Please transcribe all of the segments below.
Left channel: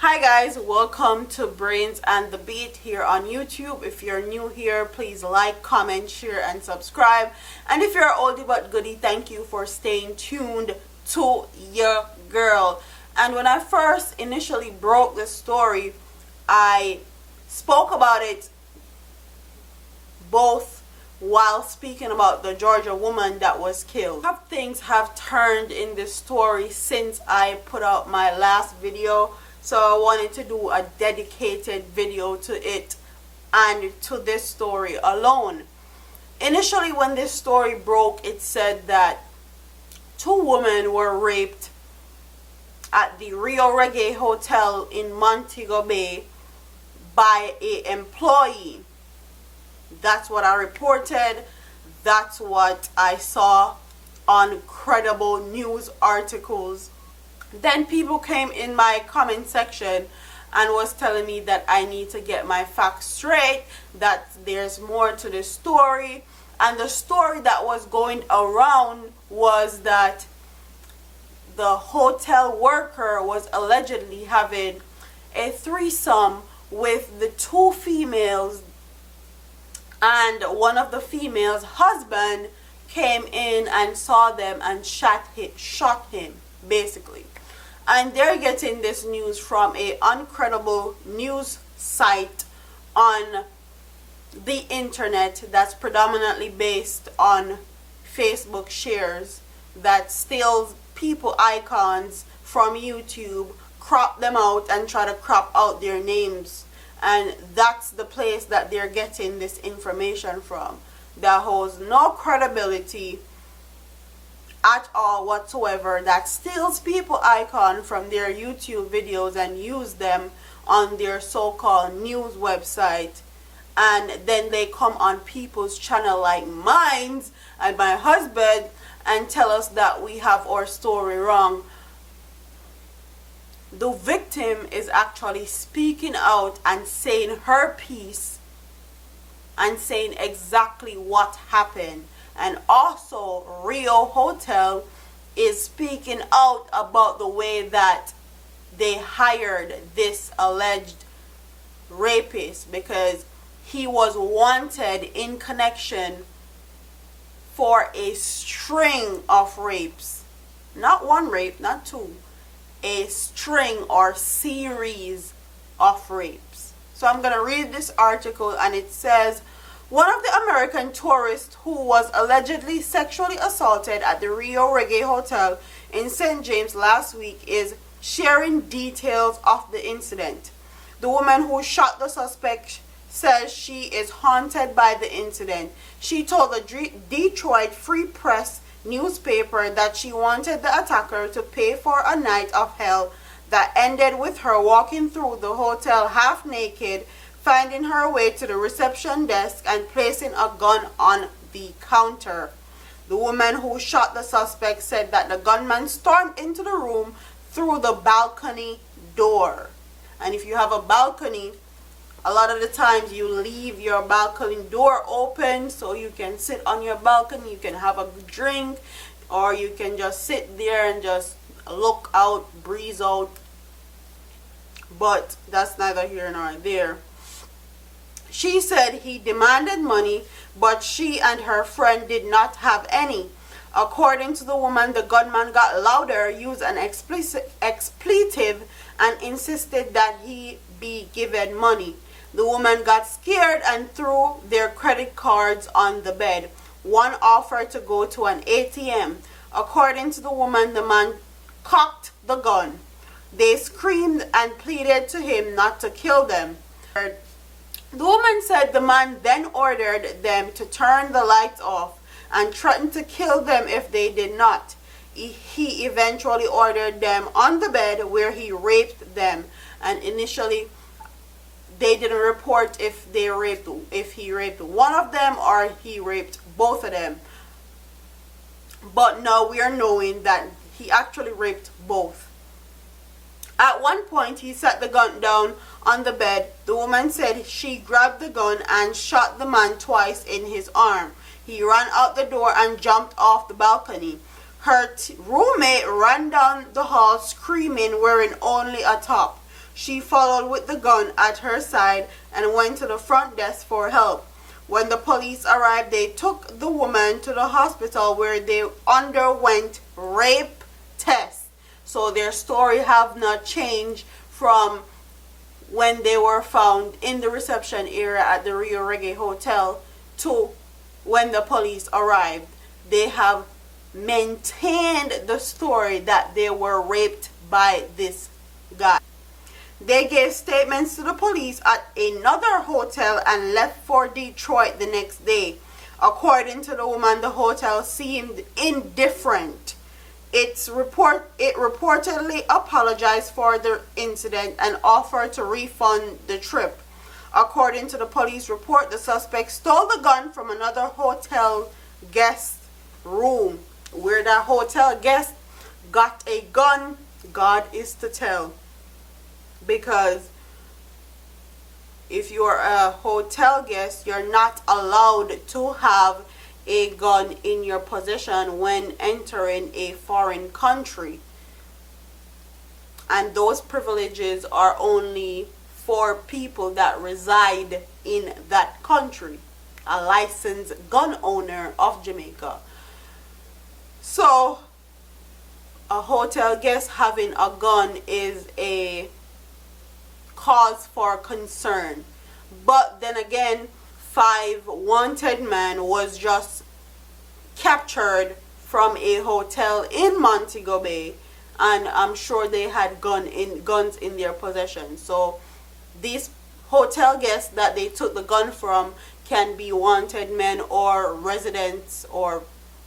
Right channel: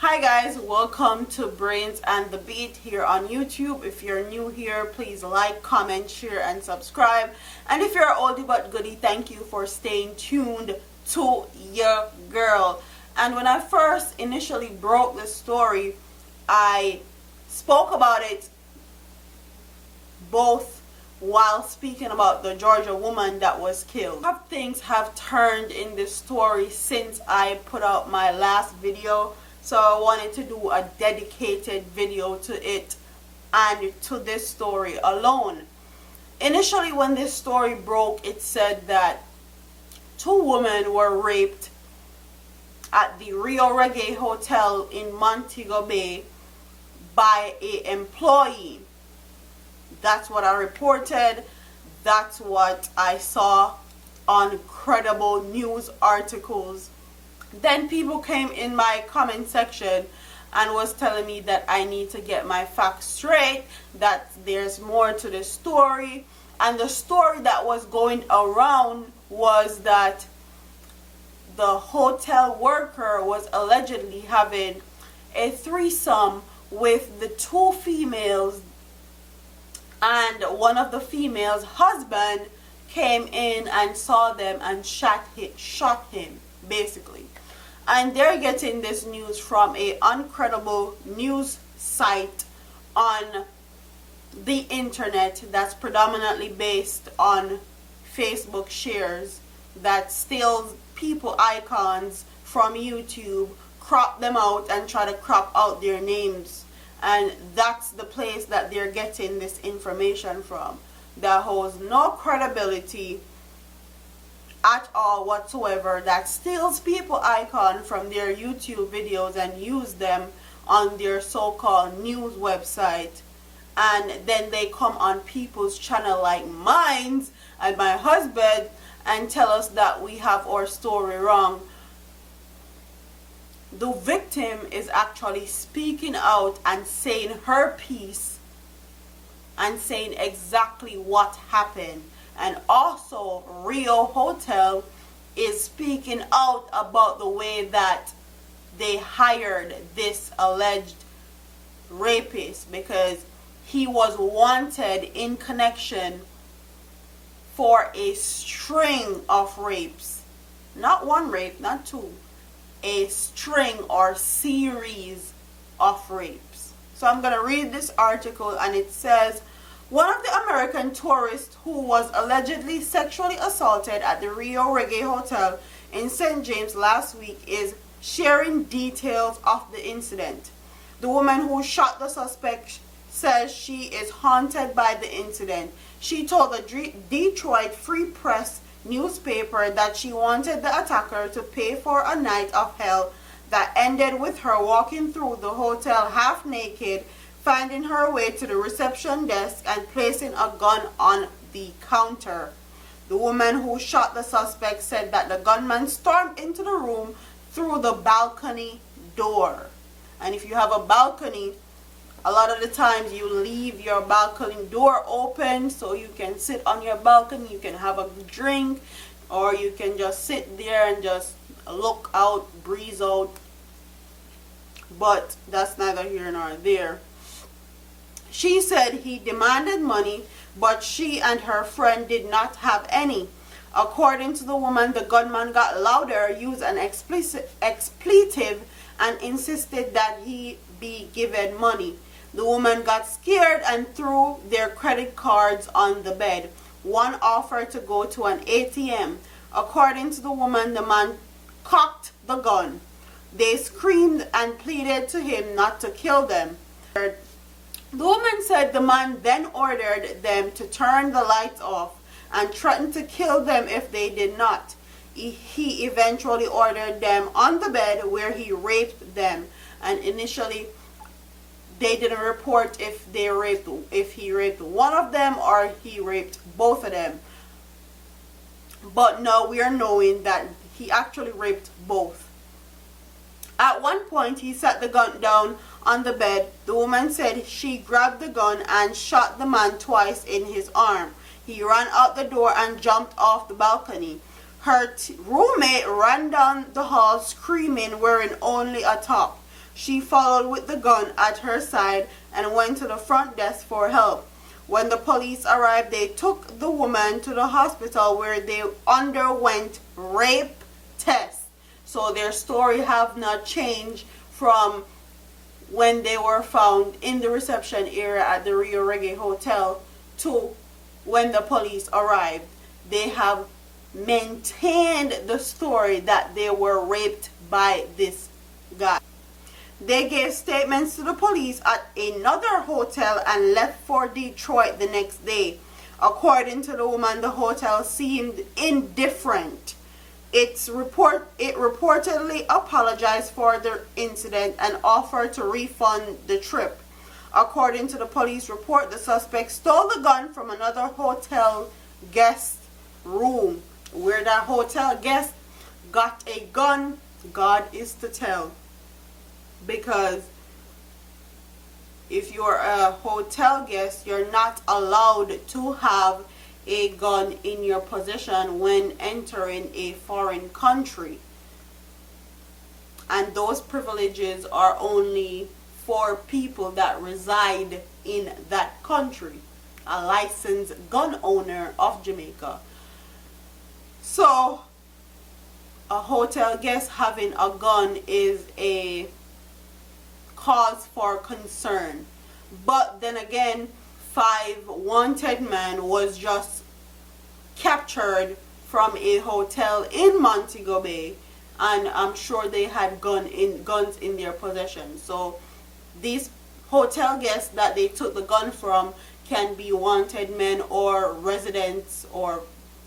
Hi guys, welcome to Brains and the Beat here on YouTube. If you're new here, please like, comment, share, and subscribe. And if you're an oldie but goodie, thank you for staying tuned to your girl. And when I first initially broke the story, I spoke about it both while speaking about the Georgia woman that was killed. Things have turned in this story since I put out my last video. So I wanted to do a dedicated video to it and to this story alone. Initially, when this story broke, it said that two women were raped at the RIU Hotel in Montego Bay by an employee. That's what I reported. That's what I saw on credible news articles. Then people came in my comment section and was telling me that I need to get my facts straight, that there's more to the story. And the story that was going around was that the hotel worker was allegedly having a threesome with the two females, and one of the females' husband came in and saw them and shot him basically. And they're getting this news from a uncredible news site on the internet that's predominantly based on Facebook shares, that steals people icons from YouTube, crop them out and try to crop out their names. And that's the place that they're getting this information from, that holds no credibility at all whatsoever, that steals people icon from their YouTube videos and use them on their so-called news website. And then they come on people's channel like mine and my husband and tell us that we have our story wrong. The victim is actually speaking out and saying her piece and saying exactly what happened. And also, RIU Hotel is speaking out about the way that they hired this alleged rapist, because he was wanted in connection for a string of rapes. Not one rape, not two. A string or series of rapes. So I'm going to read this article, and it says, one of the American tourists who was allegedly sexually assaulted at the RIU Hotel in St. James last week is sharing details of the incident. The woman who shot the suspect says she is haunted by the incident. She told the Detroit Free Press newspaper that she wanted the attacker to pay for a night of hell that ended with her walking through the hotel half naked, finding her way to the reception desk and placing a gun on the counter. The woman who shot the suspect said that the gunman stormed into the room through the balcony door. And if you have a balcony, a lot of the times you leave your balcony door open so you can sit on your balcony, you can have a drink, or you can just sit there and just look out, breeze out. But that's neither here nor there. She said he demanded money, but she and her friend did not have any. According to the woman, the gunman got louder, used an expletive, and insisted that he be given money. The woman got scared and threw their credit cards on the bed. One offered to go to an ATM. According to the woman, the man cocked the gun. They screamed and pleaded to him not to kill them. The woman said the man then ordered them to turn the lights off and threatened to kill them if they did not. He eventually ordered them on the bed, where he raped them. And initially, they didn't report if he raped one of them or he raped both of them. But now we are knowing that he actually raped both. At one point, he set the gun down on the bed. The woman said she grabbed the gun and shot the man twice in his arm. He ran out the door and jumped off the balcony. Her roommate ran down the hall screaming, wearing only a top. She followed with the gun at her side and went to the front desk for help. When the police arrived, they took the woman to the hospital where they underwent rape tests. So their story have not changed from when they were found in the reception area at the RIU Hotel to when the police arrived. They have maintained the story that they were raped by this guy. They gave statements to the police at another hotel and left for Detroit the next day. According to the woman, the hotel seemed indifferent. It reportedly apologized for the incident and offered to refund the trip. According to the police report, the suspect stole the gun from another hotel guest room. Where that hotel guest got a gun, God is to tell. Because if you're a hotel guest, you're not allowed to have a gun in your possession when entering a foreign country. And those privileges are only for people that reside in that country. A licensed gun owner of Jamaica. So, a hotel guest having a gun is a cause for concern. But then again, 5 wanted men was just captured from a hotel in Montego Bay, and I'm sure they had guns in their possession. So these hotel guests that they took the gun from can be wanted men or residents or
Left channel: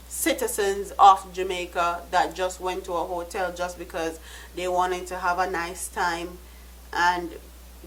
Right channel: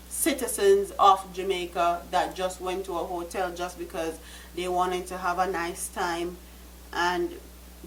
citizens of Jamaica that just went to a hotel just because they wanted to have a nice time and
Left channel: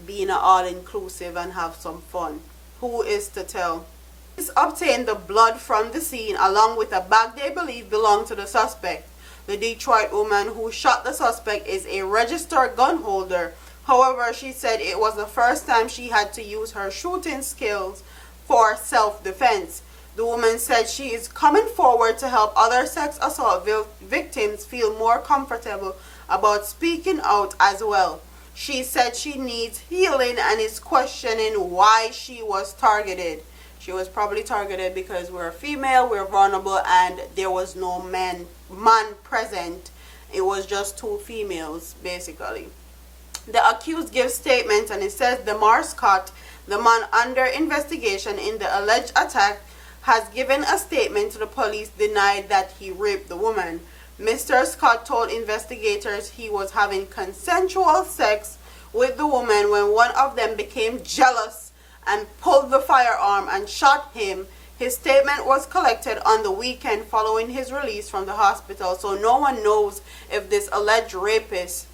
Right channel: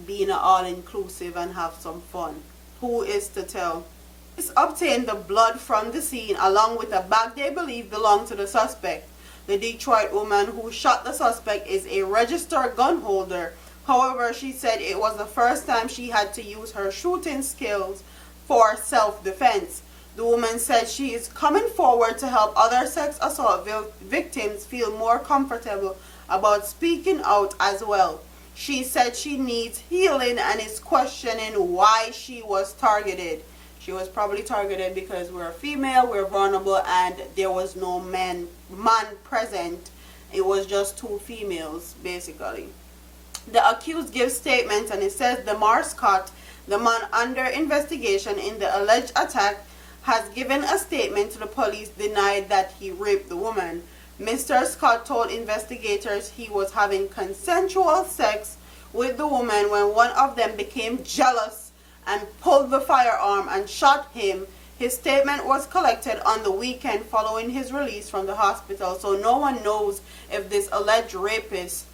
be in an all-inclusive and have some fun. Who is to tell? Police obtained the blood from the scene along with a bag they believe belonged to the suspect. The Detroit woman who shot the suspect is a registered gun holder. However, she said it was the first time she had to use her shooting skills for self-defense. The woman said she is coming forward to help other sex assault victims feel more comfortable about speaking out as well. She said she needs healing and is questioning why she was targeted. She was probably targeted because we're female, we're vulnerable, and there was no man present. It was just 2 females, basically. The accused gives statements, and it says Demar Scott, the man under investigation in the alleged attack, has given a statement to the police denied that he raped the woman. Mr. Scott told investigators he was having consensual sex with the woman when one of them became jealous and pulled the firearm and shot him. His statement was collected on the weekend following his release from the hospital, so no one knows if this alleged rapist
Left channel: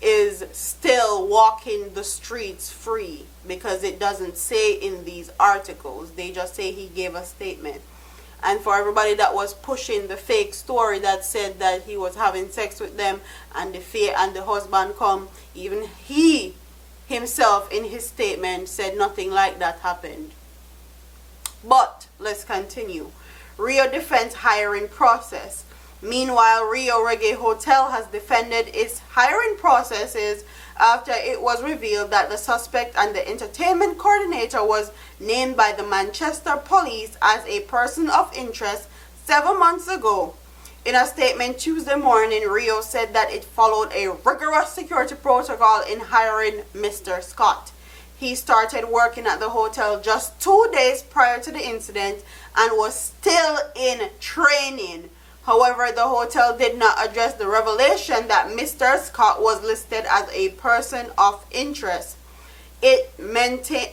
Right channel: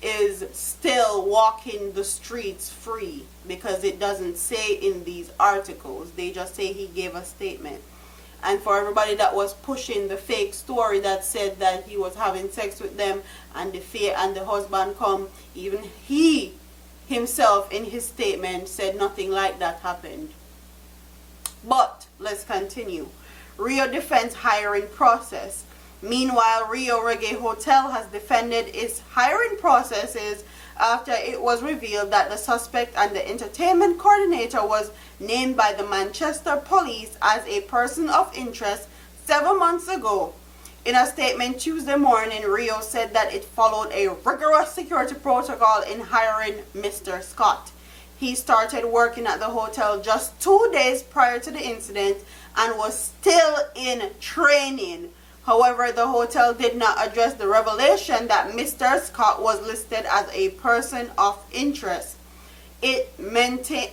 is still walking the streets free, because it doesn't say in these articles. They just say he gave a statement. And for everybody that was pushing the fake story that said that he was having sex with them and the husband come, even he himself in his statement said nothing like that happened. But let's continue. RIU defends hiring process. Meanwhile, RIU Hotel has defended its hiring processes after it was revealed that the suspect and the entertainment coordinator was named by the Manchester police as a person of interest 7 months ago. In a statement Tuesday morning, RIU said that it followed a rigorous security protocol in hiring Mr. Scott. He started working at the hotel just 2 days prior to the incident and was still in training. However, the hotel did not address the revelation that Mr. Scott was listed as a person of interest. It maintained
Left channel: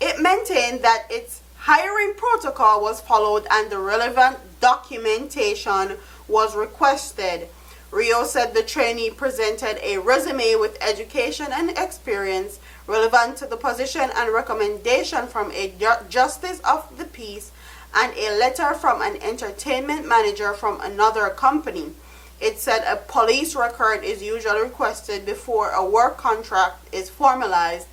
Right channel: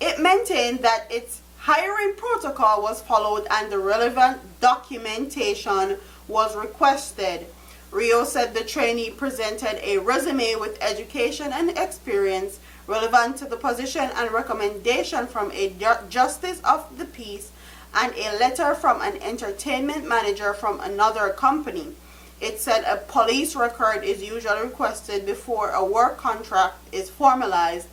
that its hiring protocol was followed and the relevant documentation was requested. RIU said the trainee presented a resume with education and experience relevant to the position and recommendation from a justice of the peace and a letter from an entertainment manager from another company. It said a police record is usually requested before a work contract is formalized.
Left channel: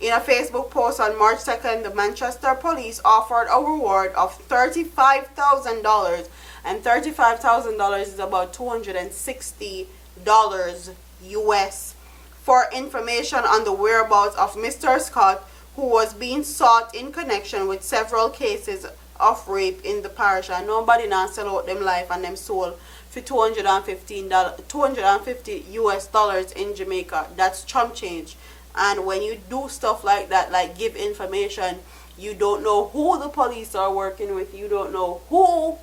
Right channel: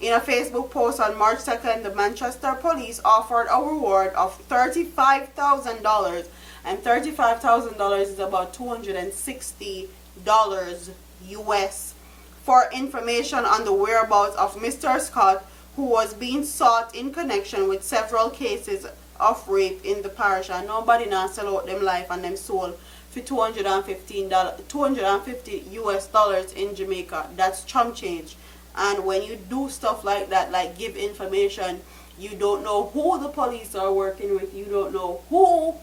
In a Facebook post on March 2nd, the Manchester police offered a reward of $35,000, and $35,000 is about $260 US for information on the whereabouts of Mr. Scott, who was being sought in connection with several cases of rape in the parish. And nobody now sell out them life and them soul for $250 US dollars in Jamaica. That's chump change. And when you do stuff like that, like give information, you don't know who the police are working with, you don't know who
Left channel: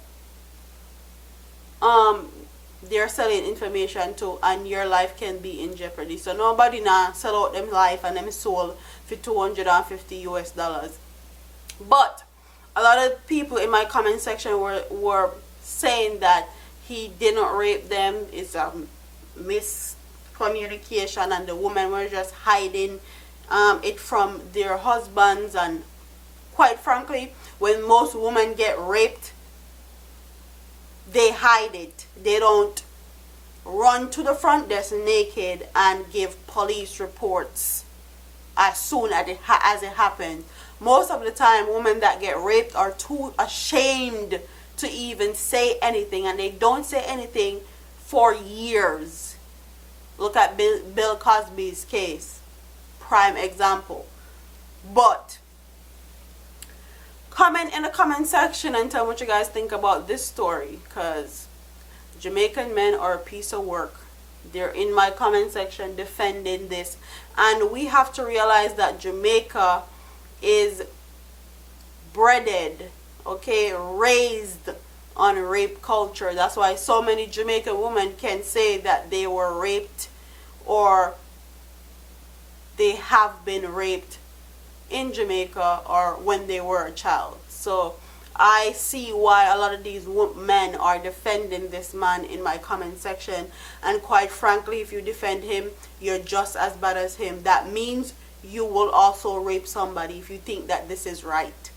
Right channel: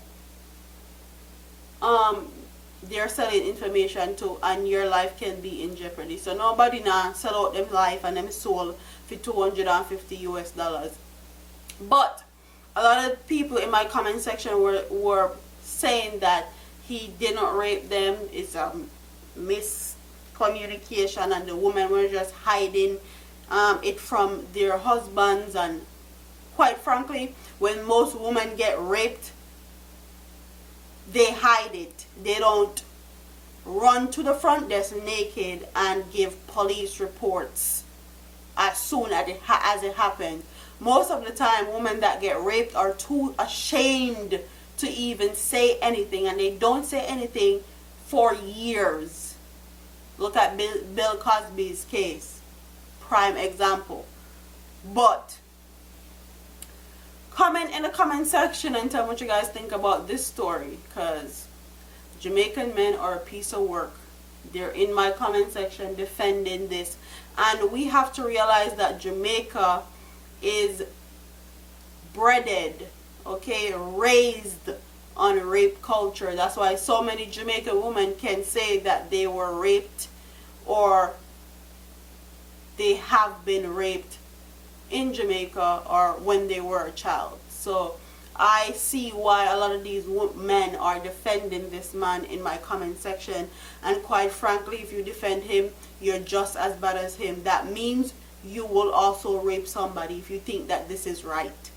they're selling information to, and your life can be in jeopardy. So nobody now sell out them life and them soul for $250 US dollars. But a lot of people in my comment section were saying that he didn't rape them. It's a miscommunication, and the women were just hiding it from their husbands. And quite frankly, when most women get raped, they hide it. They don't run to the front desk naked and give police reports as soon as it happens. Most of the time, women that get raped are too ashamed to even say anything, and they don't say anything for years. Look at Bill Cosby's case, prime example. But comment in the comment section and tell me what you guys think about this story, because Jamaican men are a piece of work. They're in my comment section defending this, and we have to realize that Jamaica is breaded, okay, raised on rape culture. That's why so many Jamaican women can say that they were raped or they have been raped in Jamaica or when they were a child. So I see why a lot of these men are defending this man in my comment section, and quite frankly, if you defend him, you're just as bad as him. That means you will also rape somebody if you think that this is right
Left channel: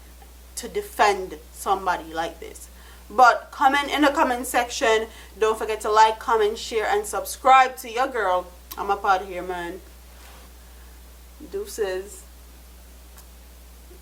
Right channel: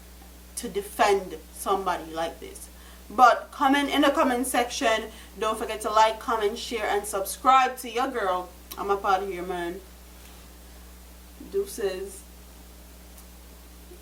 to defend somebody like this. But comment in the comment section. Don't forget to like, comment, share, and subscribe to your girl. I'm up out of here, man. Deuces.